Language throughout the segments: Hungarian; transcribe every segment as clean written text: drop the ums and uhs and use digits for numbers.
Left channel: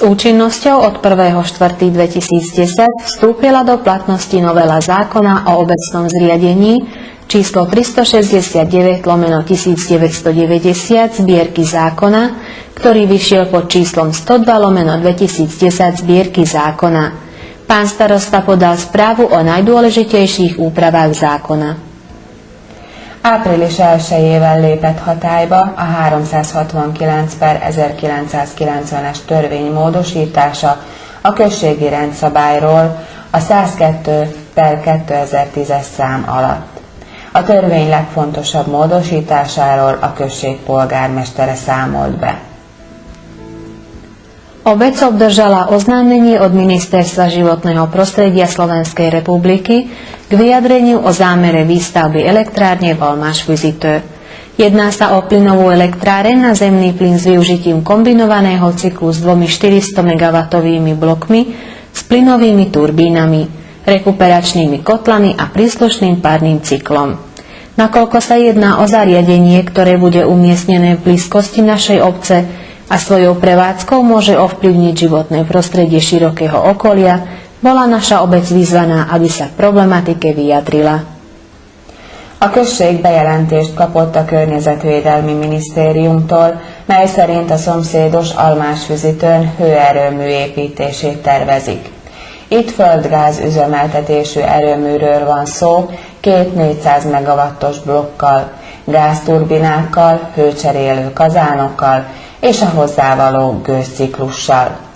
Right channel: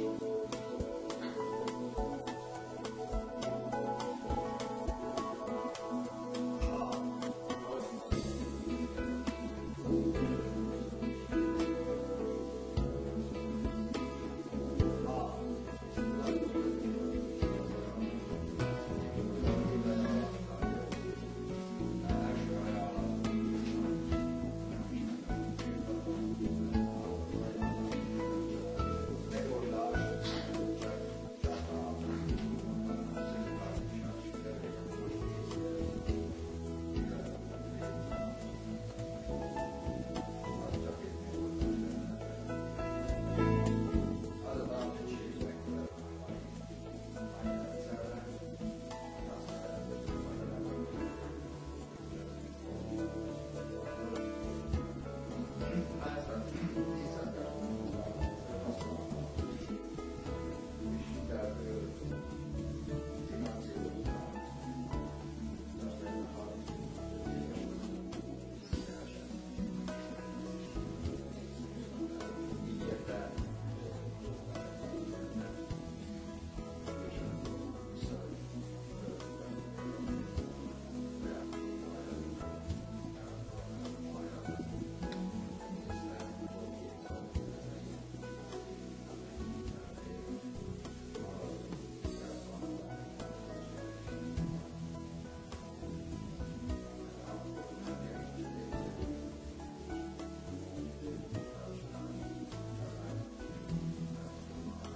S účinnosťou od 1.4.2010 vstúpila do platnosti novela zákona o obecnom zriadení číslo 369/1990 zbierky zákona, ktorý vyšiel pod číslom 102/2010 zbierky zákona. Pán starosta podal správu o najdôležitésích úpravách zákona. Április 1-ével lépett hatályba a 369/1990-es törvény módosítása a községi rendszabályról a 102/2010-es szám alatt. A törvény legfontosabb módosításáról a község polgármestere számolt be. Obec obdržala oznámenie od Ministerstva životného prostredia Slovenskej republiky k vyjadreniu o zámere výstavby elektrárne Valmáš-Vizitő. Jedná sa o plynovú elektráreň na zemný plyn s využitím kombinovaného cyklu s dvomi 400 MW blokmi s plynovými turbínami, rekuperačnými kotlami a príslušným párnym cyklom. Nakoľko sa jedná o zariadenie, ktoré bude umiestnené v blízkosti našej obce a svojou prevádzkou môže ovplyvniť životné prostredie širokého okolia, bola naša obec vyzvaná, aby sa k problematike vyjadrila. A község bejelentést kapott a Környezetvédelmi Minisztériumtól, mely szerint a szomszédos Almásfüzitőn hőerőmű építését tervezik. Itt földgáz üzemeltetésű erőműről van szó, két 400 MW-os blokkal, gázturbinákkal, hőcserélő kazánokkal és a hozzávaló gőzciklussal.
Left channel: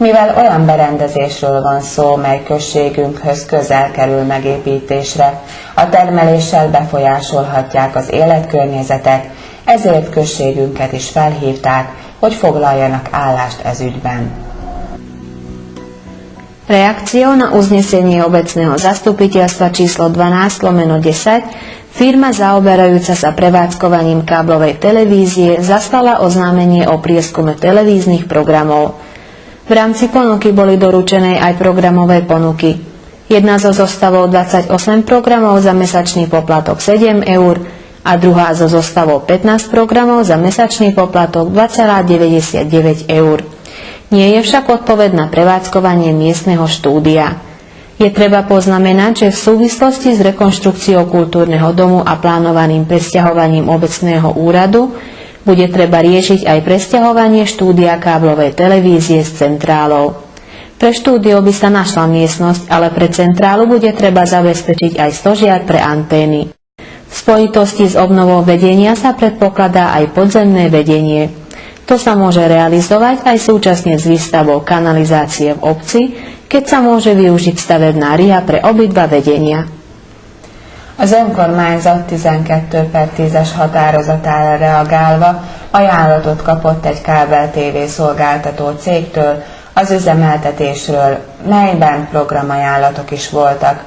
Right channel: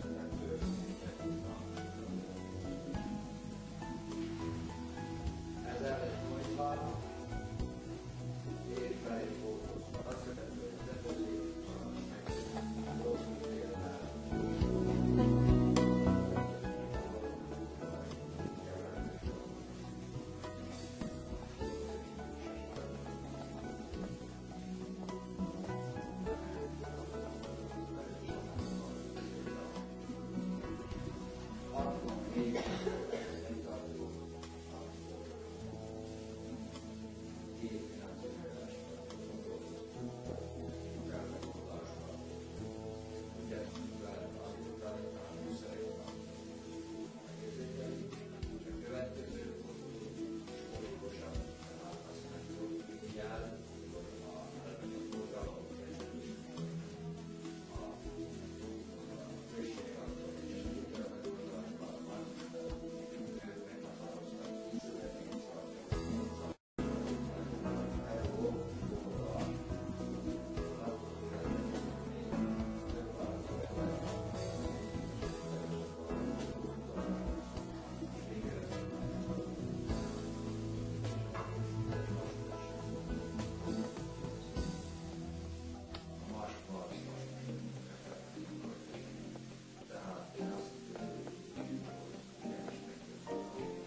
Mivel olyan berendezésről van szó, mely községünkhöz közel kerül megépítésre, a termeléssel befolyásolhatják az életkörnyezetet, ezért községünket is felhívták, hogy foglaljanak állást ez ügyben. Reakciou na uznesenie obecného zastupiteľstva číslo 12/10 firma zaoberajúca sa prevádzkovaním káblovej televízie zaslala oznámenie o prieskume televíznych programov. V rámci ponuky boli doručené aj programové ponuky. Jedna zo zostavou 28 programov za mesačný poplatok 7 eur a druhá zo zostavou 15 programov za mesačný poplatok 2,99 eur. Nie je však odpoveď na prevádzkovanie miestneho štúdia. Je treba poznamenať, že v súvislosti s rekonštrukciou kultúrneho domu a plánovaným presťahovaním obecného úradu bude treba riešiť aj presťahovanie štúdia káblovej televízie s centrálou. Pre štúdio by sa našla miestnosť, ale pre centrálu bude treba zabezpečiť aj stožiar pre antény. V spojitosti s obnovou vedenia sa predpokladá aj podzemné vedenie. To sa môže realizovať aj súčasne s výstavbou kanalizácie v obci, keď sa môže využiť stavebná riha pre obidva vedenia. Az önkormányzat 12/10-es határozatára reagálva ajánlatot kapott egy kábel-TV szolgáltató cégtől az üzemeltetésről, melyben programajánlatok is voltak.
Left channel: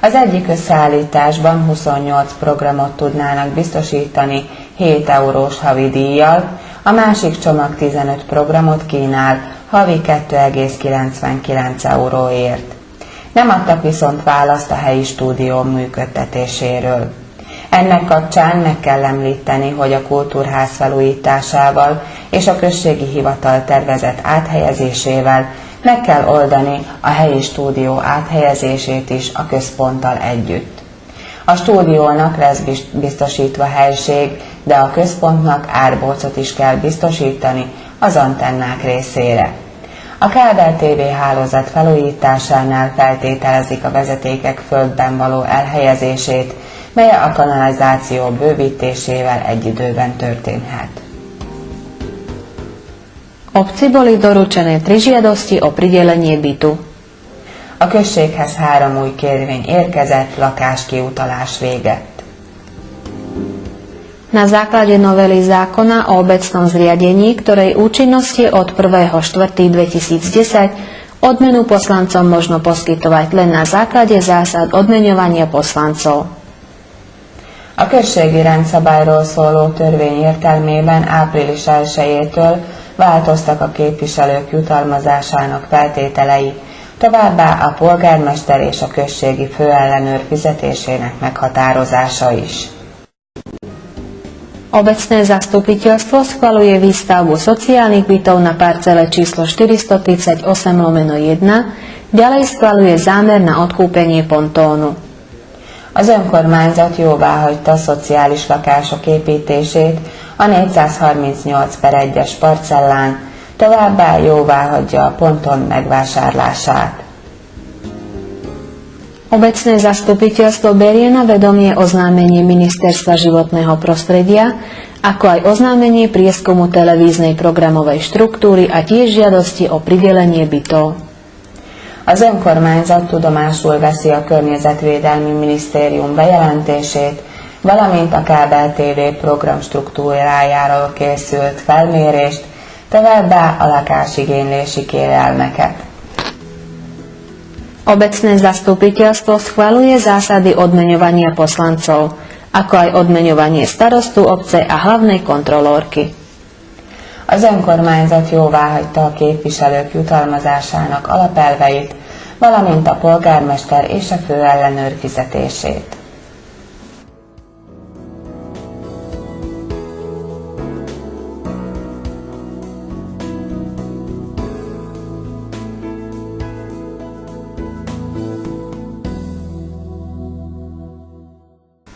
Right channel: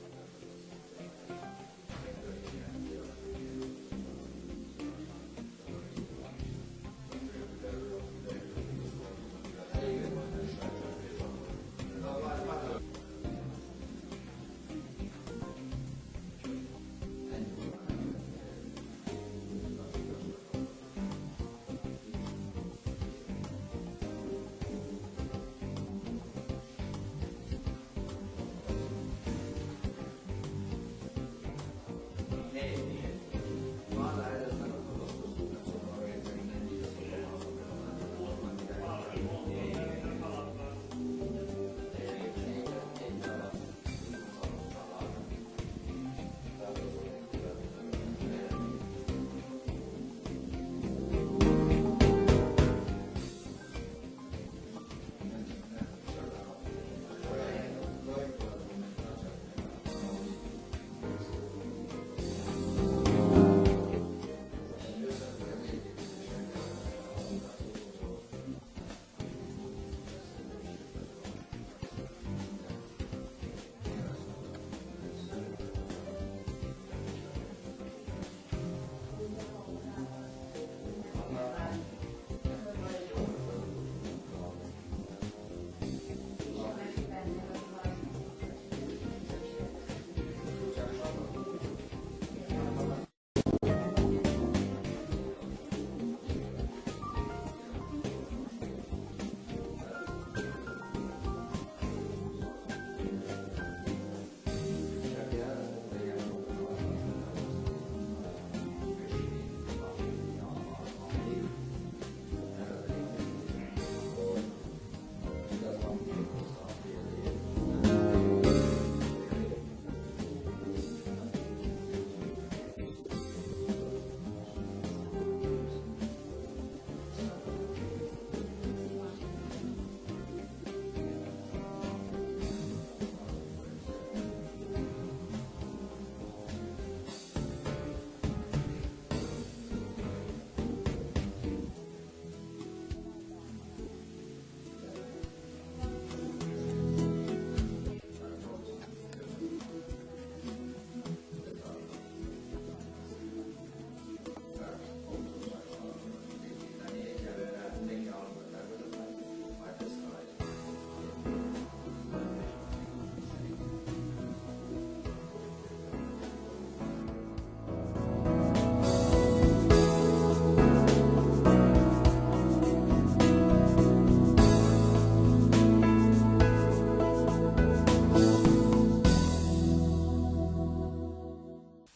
Az egyik összeállításban 28 programot tudnának biztosítani 7 eurós havi díjjal, a másik csomag 15 programot kínál havi 2,99 euróért. Nem adtak viszont választ a helyi stúdió működtetéséről. Ennek kapcsán meg kell említeni, hogy a kultúrház felújításával és a községi hivatal tervezett áthelyezésével meg kell oldani a helyi stúdió áthelyezését is a központtal együtt. A stúdiónak lesz biztosítva helység, de a központnak árbócot is kell biztosítani az antennák részére. A kábel TV hálózat felújításánál feltételezik a vezetékek földben való elhelyezését, mely a kanalizáció bővítésével egy időben történhet. Obci boli doručené 3 žiadosti o pridelenie bytu. A községhez 3 új kérvény érkezett, lakáskiutalás végett. Na základe novely zákona o obecnom zriadení, ktorej účinnosti od 1.4.2010 odmenu poslancom možno poskytovať len na základe zásad odmeňovania poslancov. A községi rendszabályról szóló törvény értelmében április 1-től változtak a képviselők jutalmazásának feltételei, továbbá a polgármester és a községi főellenőr fizetésének meghatározása is. Obecné zastupiteľstvo schvaľuje výstavbu sociálnych bytov na parcele číslo 438/1, ďalej schvaľuje zámer na odkúpenie pontónu. Az önkormányzat jóváhagyta szociális lakások építését a 438/1-es parcellán, továbbá jóváhagyja a ponton megvásárlását. Obecné zastupiteľstvo berie na vedomie oznámenie Ministerstva životného prostredia, ako aj oznámenie prieskumu televíznej programovej štruktúry a tiež žiadosti o pridelenie bytov. Az önkormányzat tudomásul veszi a Környezetvédelmi Minisztérium bejelentését, valamint a kábel TV program struktúrájáról készült felmérést, továbbá a lakásigénylési kérelmeket. Obecné zastupiteľstvo schvaľuje zásady odmeňovania poslancov, ako aj odmeňovanie starostu obce a hlavnej kontrolórky. Az önkormányzat jóváhagyta a képviselők jutalmazásának alapelveit, valamint a polgármester és a főellenőr fizetését.